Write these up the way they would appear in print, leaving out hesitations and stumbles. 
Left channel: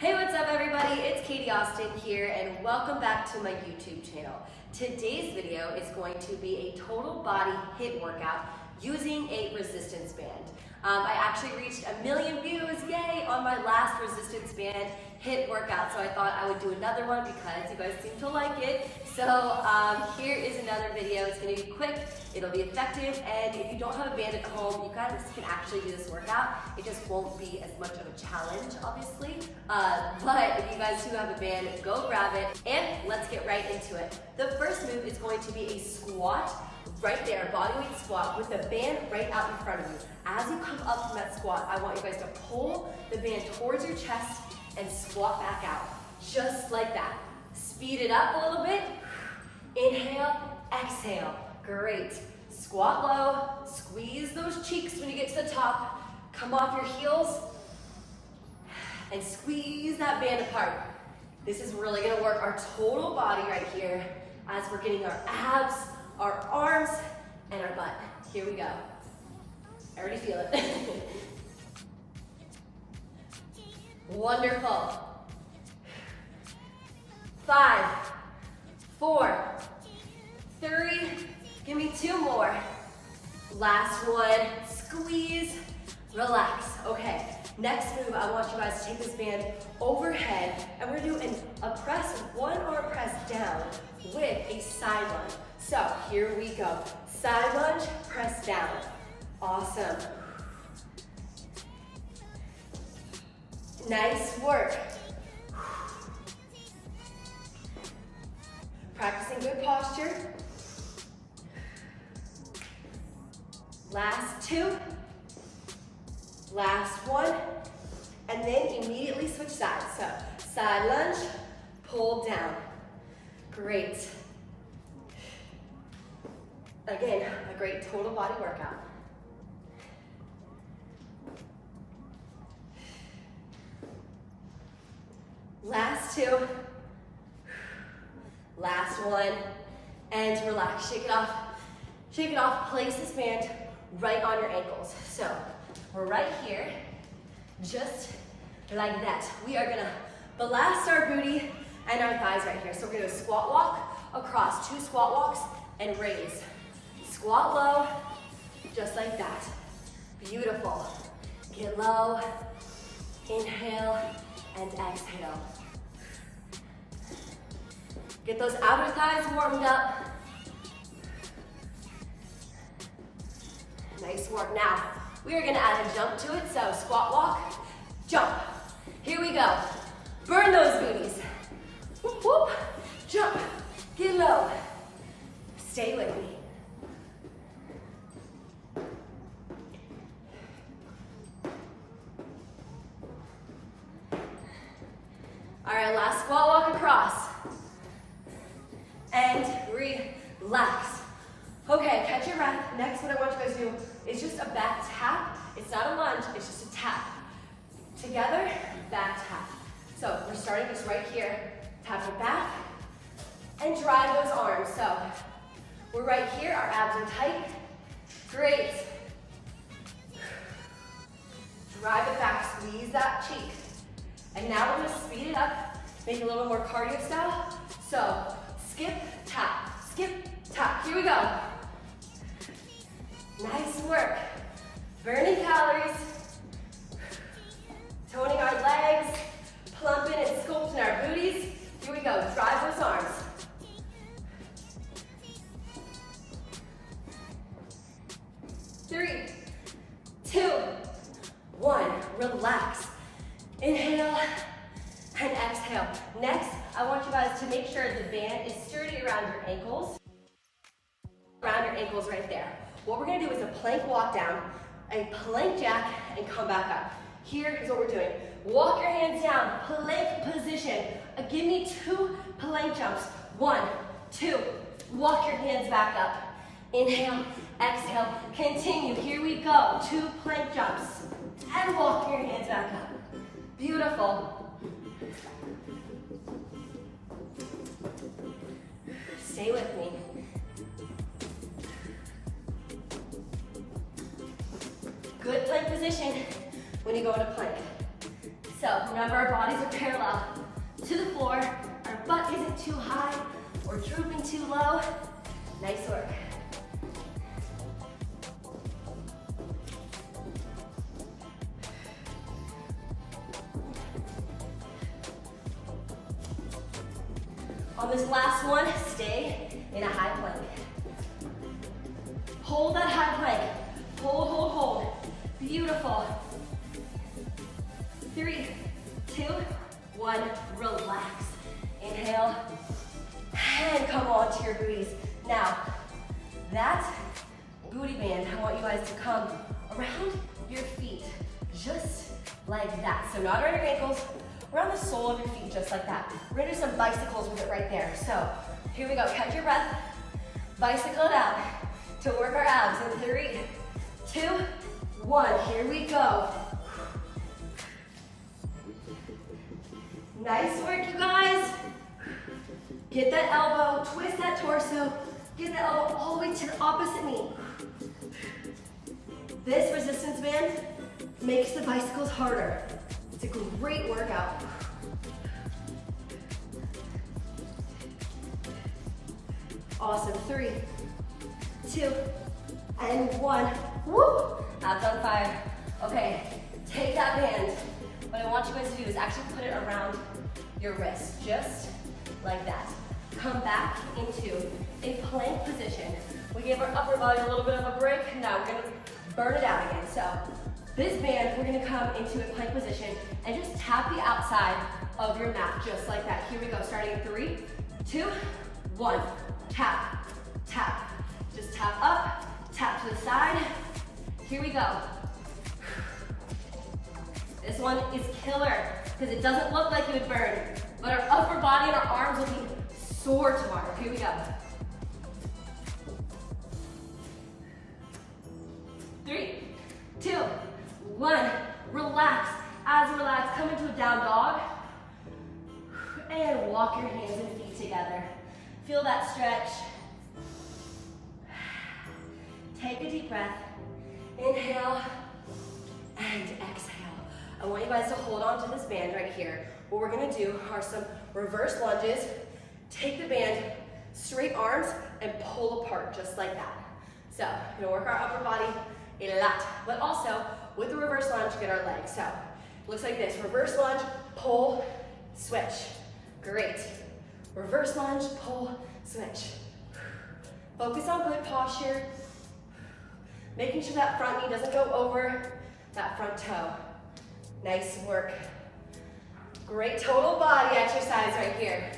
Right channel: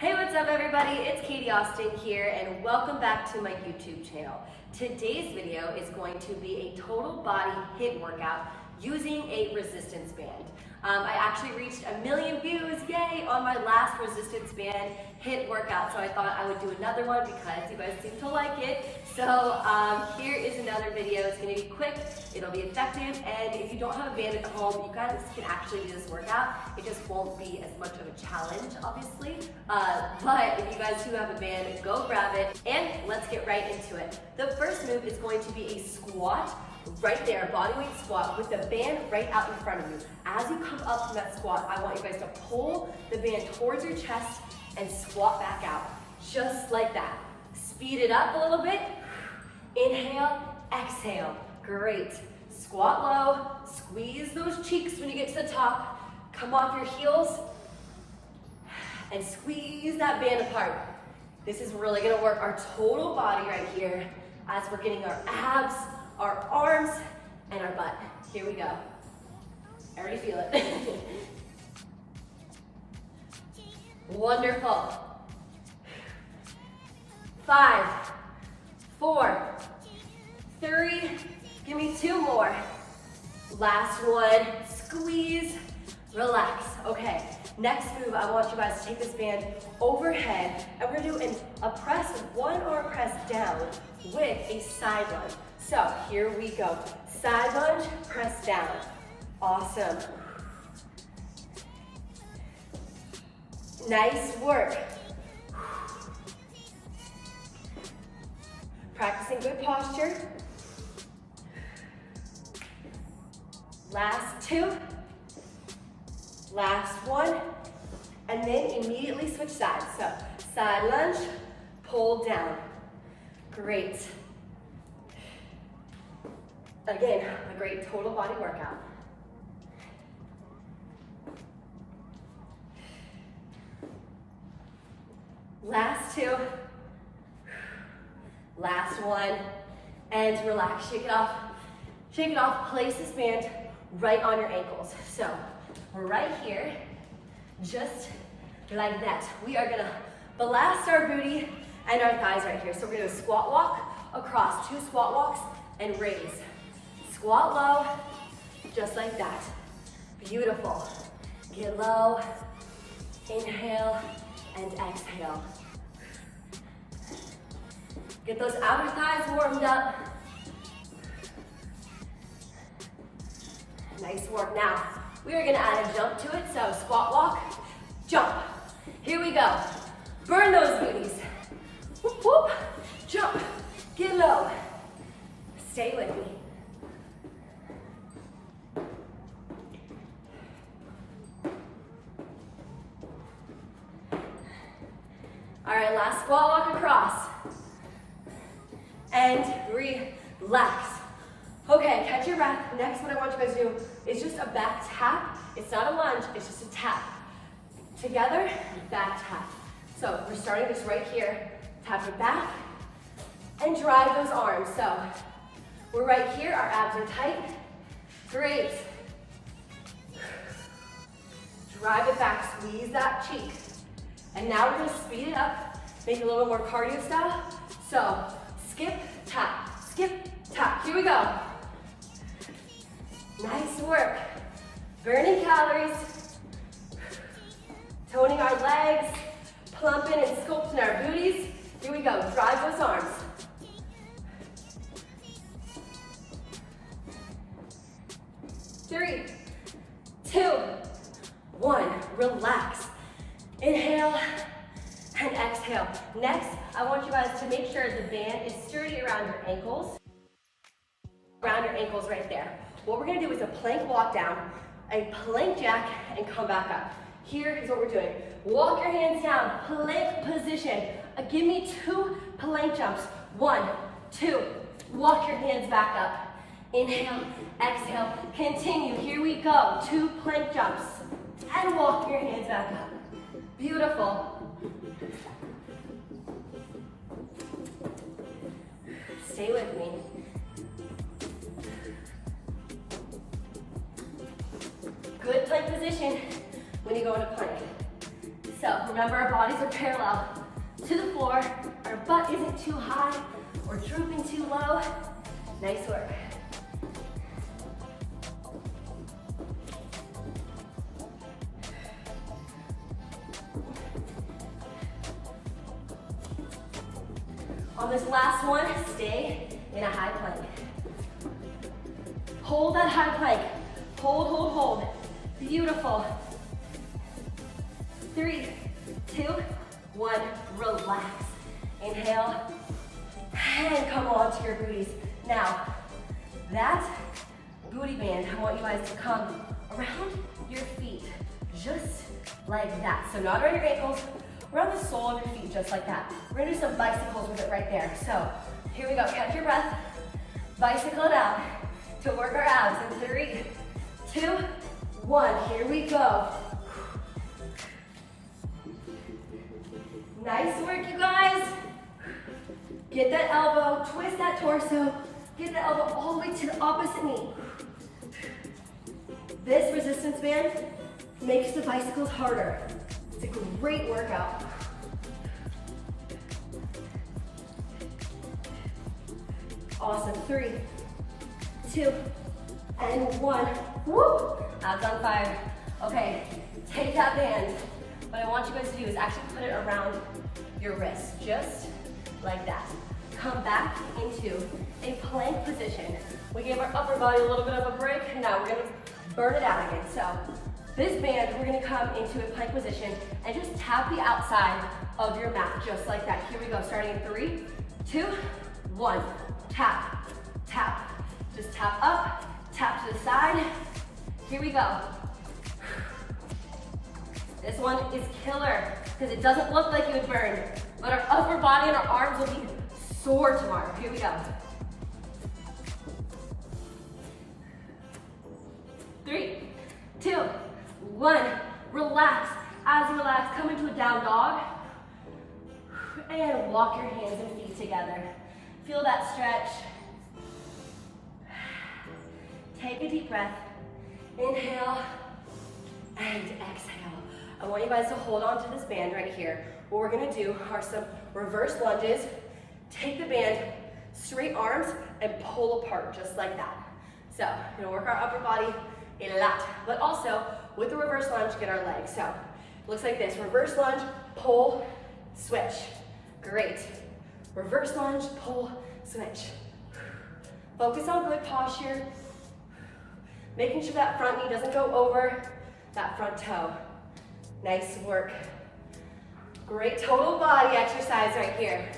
Hey, what's up everybody? It's Katie Austin here and welcome back to my YouTube channel. Today's video is going to be a total body HIIT workout using a resistance band. I actually reached 1 million views, yay, on my last resistance band HIIT workout, so I thought I would do another one because you guys seem to like it. So here is another video. It's going to be quick, it'll be effective, and if you don't have a band at home, you guys can actually do this workout. It just won't be as much of a challenge, obviously, but if you guys do have a band, go grab it, and let's get right into it. The first move is going to be a squat. Right there, bodyweight squat with the band right out in front of you. As you come up from that squat, I want you guys to pull the band towards your chest and squat back out, just like that. Speed it up a little bit. Inhale, exhale. Great. Squat low, squeeze those cheeks when you get to the top. Come off your heels and squeeze that band apart. This is really gonna work our total body right here as we're getting our abs, our arms, and our butt. Here we go. I already feel it. Wonderful. 5, 4, 3, give me 2 more. Last one, squeeze, relax. Okay, next move, I want you guys to take this band overhead, and we're gonna do a press, one arm press down with a side lunge. So here we go. Side lunge, press down. Awesome. Nice work. Practicing good posture. Last 2. Last 1. And then immediately switch sides. So side lunge, pull down. Great. Again, a great total body workout. Last 2. Last 1. And relax, shake it off. Shake it off, place this band right on your ankles. So we're right here, just like that. We are gonna blast our booty and our thighs right here. So we're gonna do a squat walk across, 2 squat walks and raise. Squat low, just like that. Beautiful. Get low, inhale, and exhale. Get those outer thighs warmed up. Nice work. Now, we are gonna add a jump to it, so squat walk, jump. Here we go. Burn those booties. Whoop, whoop. Jump, get low. Stay with me. All right, last squat walk across. And relax. Okay, catch your breath. Next, what I want you guys to do is just a back tap. It's not a lunge, it's just a tap. Together, back tap. So we're starting this right here. Tap your back and drive those arms. So we're right here, our abs are tight. Great. Drive it back, squeeze that cheek. And now we're gonna speed it up, make it a little more cardio style. So skip, tap, skip, tap. Here we go. Nice work. Burning calories, toning our legs, plumping and sculpting our booties. Here we go, drive those arms. Three, 2, 1, relax. Inhale and exhale. Next, I want you guys to make sure the band is sturdy around your ankles. Around your ankles right there. What we're gonna do is a plank walk down, a plank jack, and come back up. Here is what we're doing. Walk your hands down, plank position. Give me 2 plank jumps. 1, 2, walk your hands back up. Inhale, exhale, continue. Here we go, 2 plank jumps. And walk your hands back up. Beautiful. Stay with me. Good plank position when you go into plank. So remember, our bodies are parallel to the floor. Our butt isn't too high or drooping too low. Nice work. On this last one, stay in a high plank. Hold that high plank. Hold, hold, hold. Beautiful. 3, 2, 1, relax. Inhale, and come on to your booties. Now, that booty band, I want you guys to come around your feet, just like that. So not around your ankles, around the sole of your feet, just like that. We're gonna do some bicycles with it right there. So here we go, catch your breath, bicycle it out to work our abs in 3, 2, 1, here we go. Nice work, you guys. Get that elbow, twist that torso, get that elbow all the way to the opposite knee. This resistance band makes the bicycles harder. It's a great workout. Awesome, 3, 2, and 1. Woo! Abs on fire. Okay, take that band. What I want you guys to do is actually put it around your wrist, just like that. Come back into a plank position. We gave our upper body a little bit of a break. Now we're gonna burn it out again. So this band, we're gonna come into a plank position and just tap the outside of your mat, just like that. Here we go, starting in 3, 2, 1. Tap, tap. Just tap up, tap to the side. Here we go. This one is killer because it doesn't look like it would burn, but our upper body and our arms will be sore tomorrow. Here we go. 3, 2, 1. Relax. As you relax, come into a down dog and walk your hands and feet together. Feel that stretch. Take a deep breath. Inhale and exhale. I want you guys to hold on to this band right here. What we're gonna do are some reverse lunges. Take the band, straight arms, and pull apart just like that. So, we're gonna work our upper body a lot, but also with the reverse lunge, get our legs. So, it looks like this, reverse lunge, pull, switch. Great. Reverse lunge, pull, switch. Focus on good posture. Making sure that front knee doesn't go over that front toe. Nice work. Great total body exercise right here.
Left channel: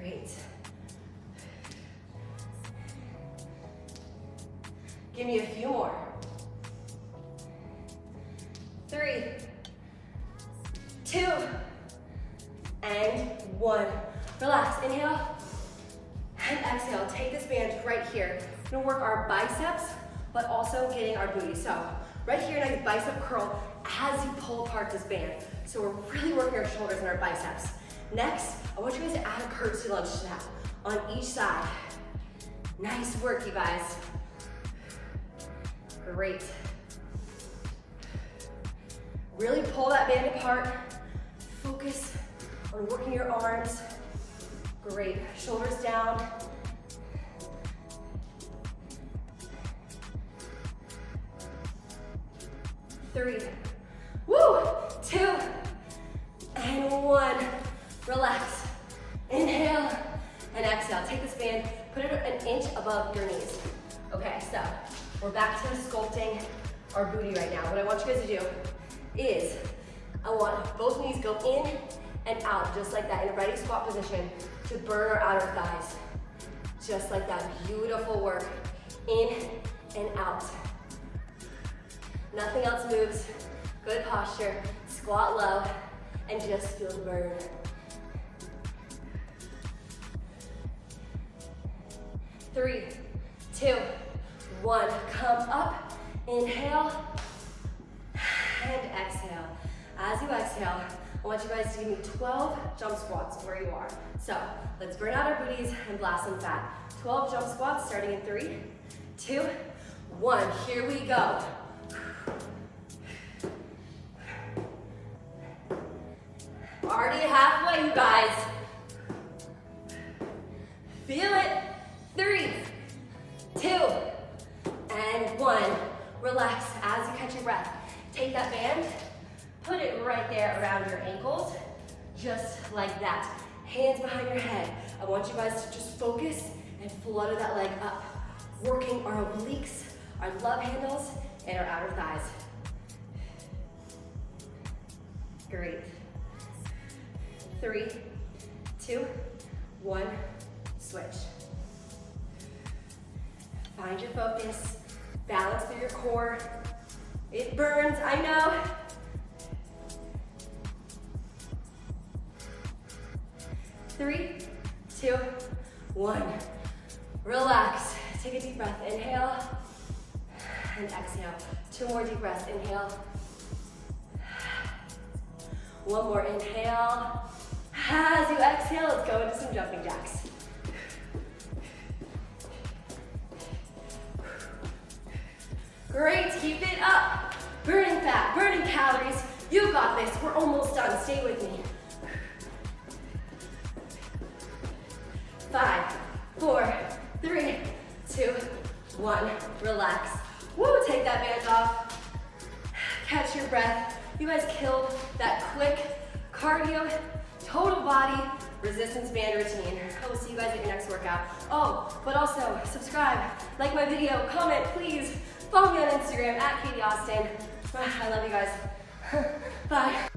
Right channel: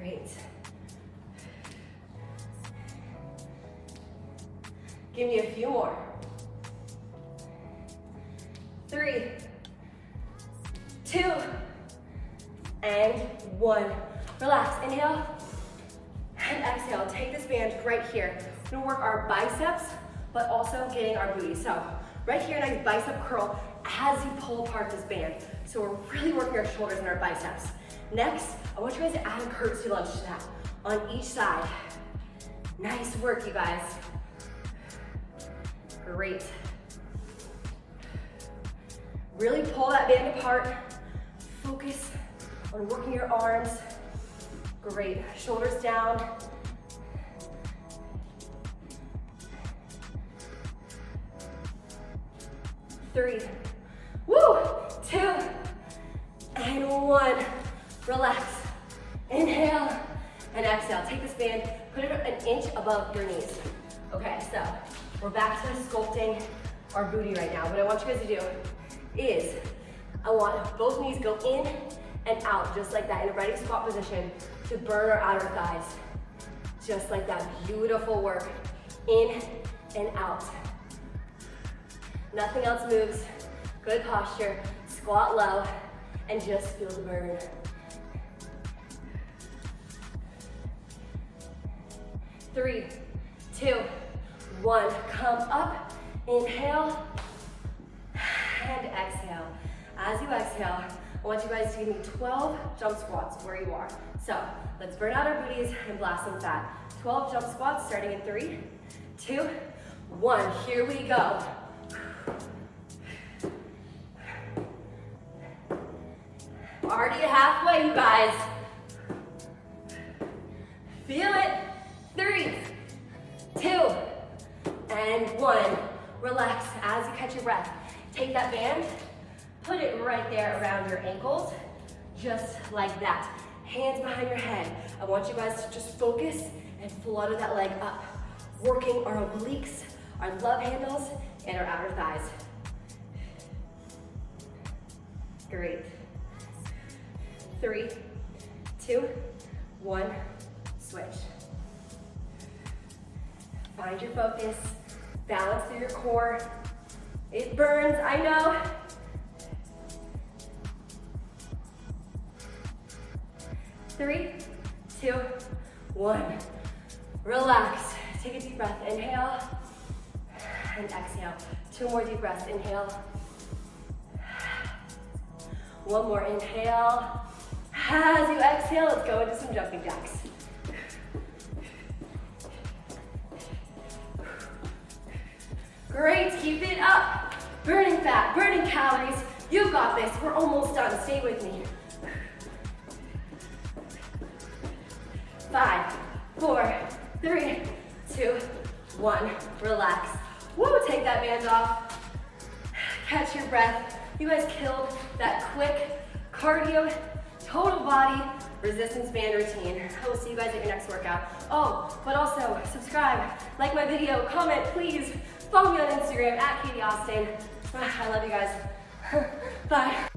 Great. Give me a few more. 3, 2, and 1. Relax, inhale, and exhale. Take this band right here. We're gonna work our biceps, but also getting our booty. So right here, nice bicep curl as you pull apart this band. So we're really working our shoulders and our biceps. Next, I want you guys to add a curtsy lunge to that on each side. Nice work, you guys. Great. Really pull that band apart. Focus on working your arms. Great, shoulders down. Three, woo, 2, and 1. Relax, inhale, and exhale. Take this band, put it an inch above your knees. Okay, so we're back to sculpting our booty right now. What I want you guys to do is, I want both knees go in and out, just like that, in a ready squat position to burn our outer thighs. Just like that, beautiful work. In and out. Nothing else moves. Good posture, squat low, and just feel the burn. 3, 2, 1. Come up, inhale, and exhale. As you exhale, I want you guys to give me 12 jump squats where you are. So let's burn out our booties and blast some fat. 12 jump squats starting in 3, 2, 1. Here we go. Already halfway, you guys. Feel it. 3, 2, and 1. Relax as you catch your breath. Take that band, put it right there around your ankles, just like that. Hands behind your head. I want you guys to just focus and flutter that leg up, working our obliques, our love handles, and our outer thighs. Great. 3, 2, 1, switch. Find your focus, balance through your core. It burns, I know. 3, 2, 1. Relax. Take a deep breath. Inhale and exhale. 2 more deep breaths. Inhale. 1 more inhale. As you exhale, let's go into some jumping jacks. Great, keep it up. Burning fat, burning calories. You got this. We're almost done. Stay with me. 5, 4, 3, 2, 1. Relax. Woo, take that band off. Catch your breath. You guys killed that quick cardio, total body resistance band routine. I will see you guys at your next workout. Oh, but also subscribe, like my video, comment, please. Follow me on Instagram at Katie Austin. I love you guys. Bye.